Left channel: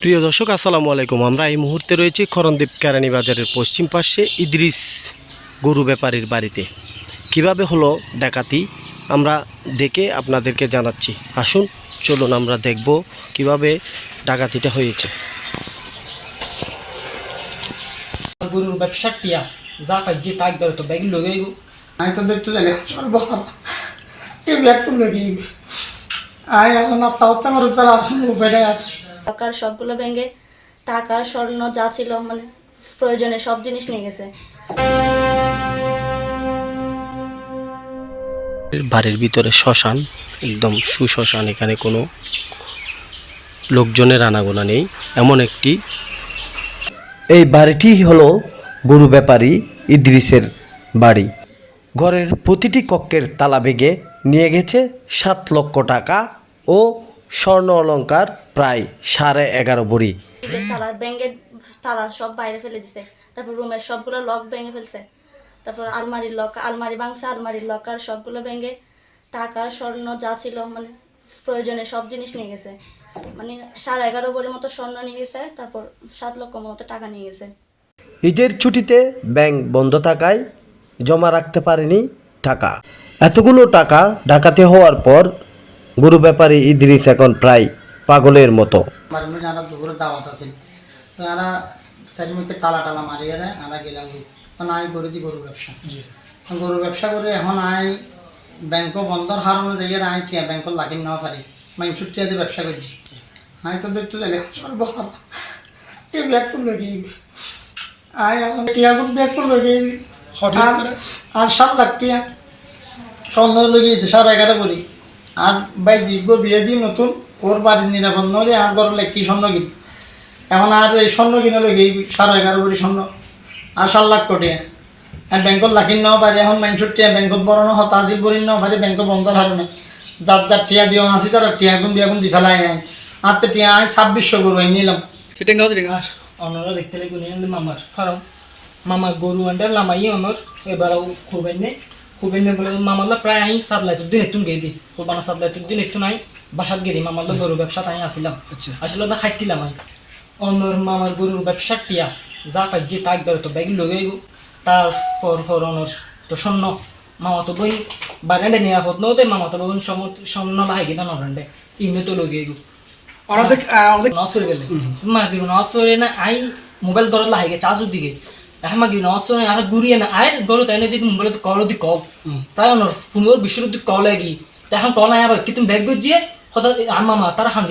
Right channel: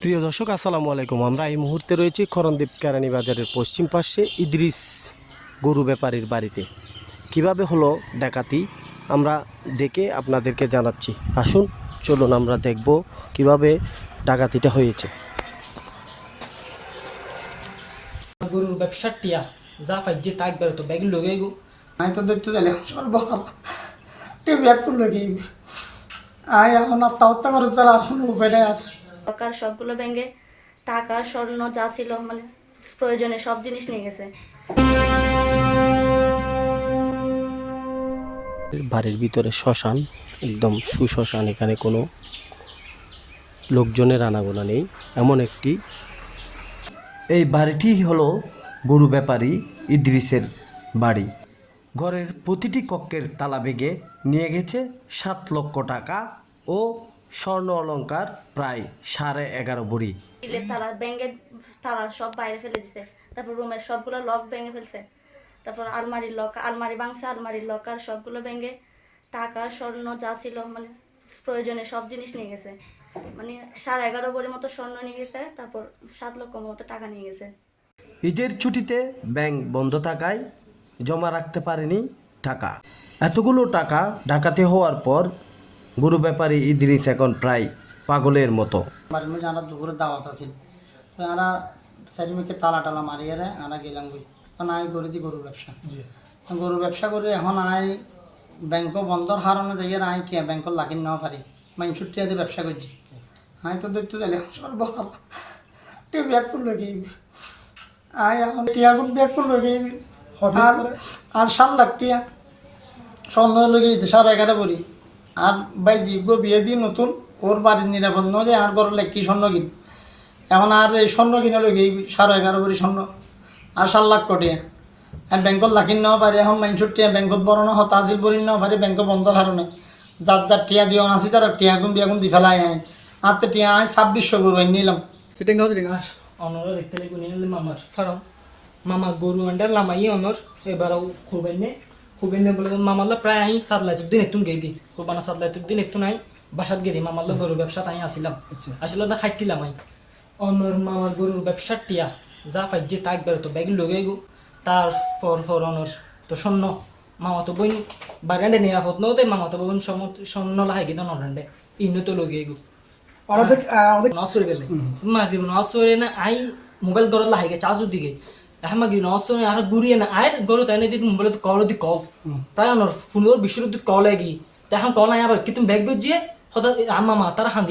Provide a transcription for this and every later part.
প্রিয় দর্শক আসসালামু আলাইকুম। আমরা এই মুহূর্তে রয়েছি করণদ্বীপ কেরানি বাজারের পশ্চিম পাশে ইদ্রিস গরু ব্যাপারীর বাড়িতে। কীভাবে হলো ডাকাতি? আমরা দেখে আপনাদেরকে জানাচ্ছি। আসুন চলুন আমরা দেখব কীভাবে ডাকাতিটা হয়েছে। গরুর ব্যবসার টিয়া যা কাজে তাক বেরো তো ব্যাগ লগে গো আমি তো দেখতে গেলে সর্ব ব্যাগ কি আয় এখন আত্মহত্যা করে তারা আর কোনো উপায় আর টাকার সবগুলো ব্যাঙ্গে টাকা স্বর্ণ যা ছিল মানে প্রয়োজনে সব জিনিস নিয়ে গেছে। বাড়ির ভিতরে শ্মশান একদম সুশ্মশান এখানে কোনো লোকজনের আনাগোনা নেই এমন একটি এই বাড়িটি হলো গরু ব্যাপারী ইদ্রিসের বাড়ি। ঘরের প্রতিটি কক্ষের তালা ভেঙে নিয়ে গেছে সাত লক্ষ টাকা ও স্বর্ণ অলংকার প্রায় সাড়ে এগারো ভরি। তালা ব্যাঙ্গের তালা সব বাইরে ফেলে দিছে। তারপর রুমের সবগুলো লক ভেঙে ফেলছে। তারপর আলমারির লক আলমারি ভাঙছে আলমারির লকার সবগুলো ভেঙে টাকা স্বর্ণ যা ছিল মানে প্রয়োজনে সব জিনিস নিয়ে গেছে। মানে সাড়ে এগারো ভরির মতো স্বর্ণ নিয়ে গেছে তারপর সাত লক্ষ মতো টাকা নিয়ে গেছে। ঈদের ছুটিতে ব্যাংক বন্ধ থাকায় জমা রাখতে পারেনি টাকা। এতগুলো টাকা ডাকাতি হওয়ার পর গরু ব্যাপারী ইদ্রিস এখন প্রায় পাগলের মতো। চারিমুখে তালা টালা মারিয়ে গেলাম এখন করে দিই গরু ব্যবসা। গরু ব্যবসা করে এখন আয় ব্যাংক বন্ধর হারানো জায়গায় আয় টিয়া ব্যাংকত লাগি নেওয়া পারি। মাইনসুর টিয়াতে ব্যবসা করছি। আয় তো দেখতে গেলে সর্ব ব্যাগ করল কি আয় এখন টিয়ার ব্যাগ করল কি আর আর সাত লাখ টিয়া। সন্ধ্যা লগি সাড়ে এগারো বলি। আর ভাই জিব্য বিয়ে দিই নতুন ওর বাড়ির নিরাপদ নলে আর ঘর কি স্বর্ণ কিন? এখন আর এই স্বর্ণ কিনে লগে সাড়ে এগারো বলি স্বর্ণ। আর সাত লাখ কোটি। আর ব্যাংকত লাখিন নেওয়া পারি এখন মাইনসুর টিয়া ব্যাংকত বড় নহ তাজিল বলি নেওয়া পারি ব্যাংক বন্ধ হারণে যার যার টিয়া দিও নাসি তারা টিয়া গুণ বিয়া গুণ দি ফেলাই আয় আর তো টিয়া আয় ছাব্বিশশো গরু আই নিলাম। আর অনরা দেখতে লাগি নিয়ে মামার ফারাম মামা গরু আন্ডা লামাই অনর এবার খুবেন নে। খুবেন নে বলে মামাল্লা প্রায় আই সাত লাখ দিন একটু গেই দি কোরবানা সাত লাখ দিন একটু নাই বাসাত গেদি মামাল্লা গরু ব্যবসা তাই আসিলাম আসলে দা খাইতিলাম আই। অনর মামার গরুর ব্যবসার টিয়া যা কাজে তাক বেরো তো ব্যাগ লগে গো তারপর পর অনর তো স্বর্ণ মামা তো বই বারান্ডে নিরাপদ নতে মামা তো বোন স্বর্ণ লাহাই গেতাম নরেন্ডে ইন্দু তো লগে গো নসরে বেলে মা গিরু নসরে না আই মোবাইল দর লাহে চাজু দিকে গিরু নসরে আর গুরিয়ে না আয় গরু তাই না দিদি মোবাইল কল দি কল প্রায় অনর ফোনের বিশ্বর দি কল লাগি তখন কল আয় আবার কি তুমি ব্যাগ গজিয়ে হতা আমা মা তারা হান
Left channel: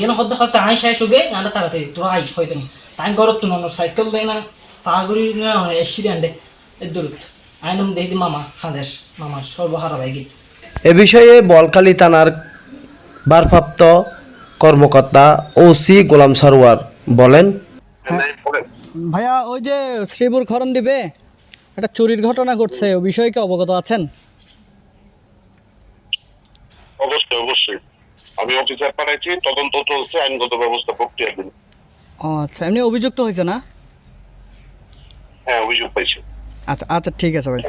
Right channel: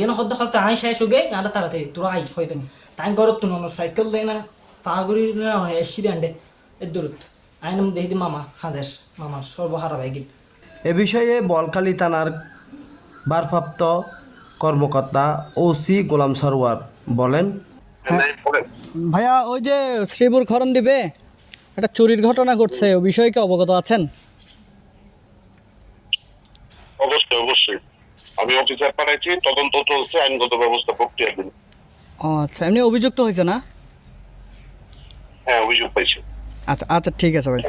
আই শাই সুগে না তারাতে তোরা আই হয়তো তাই গরত তুন অনর সাইকেল দেয় না পাগুড়ি না এসি দেন্ডে এ দূরত আইনম দেই দি মামা হাদেশ মামা সর্বহারা ভাইগি এ বিষয়ে বলকালী থানার ভারপ্রাপ্ত কর্মকর্তা ওসি গোলাম সরোয়ার বলেন ভাইয়া ওই যে শ্রীপুর খরণ দিবে? একটা চুরির ঘটনা ঘটছে ও বিষয়ে কি অবগত আছেন? অবশ্যই অবশ্যই। আমি অফিসার পাঠাইছি তদন্ত চলছে আইনগত ব্যবস্থা প্রক্রিয়াধীন ও আচ্ছা এমনি অভিযুক্ত হয়েছে না? হ্যাঁ অভিযোগ পাইছি। আচ্ছা আচ্ছা ঠিক আছে ভাই।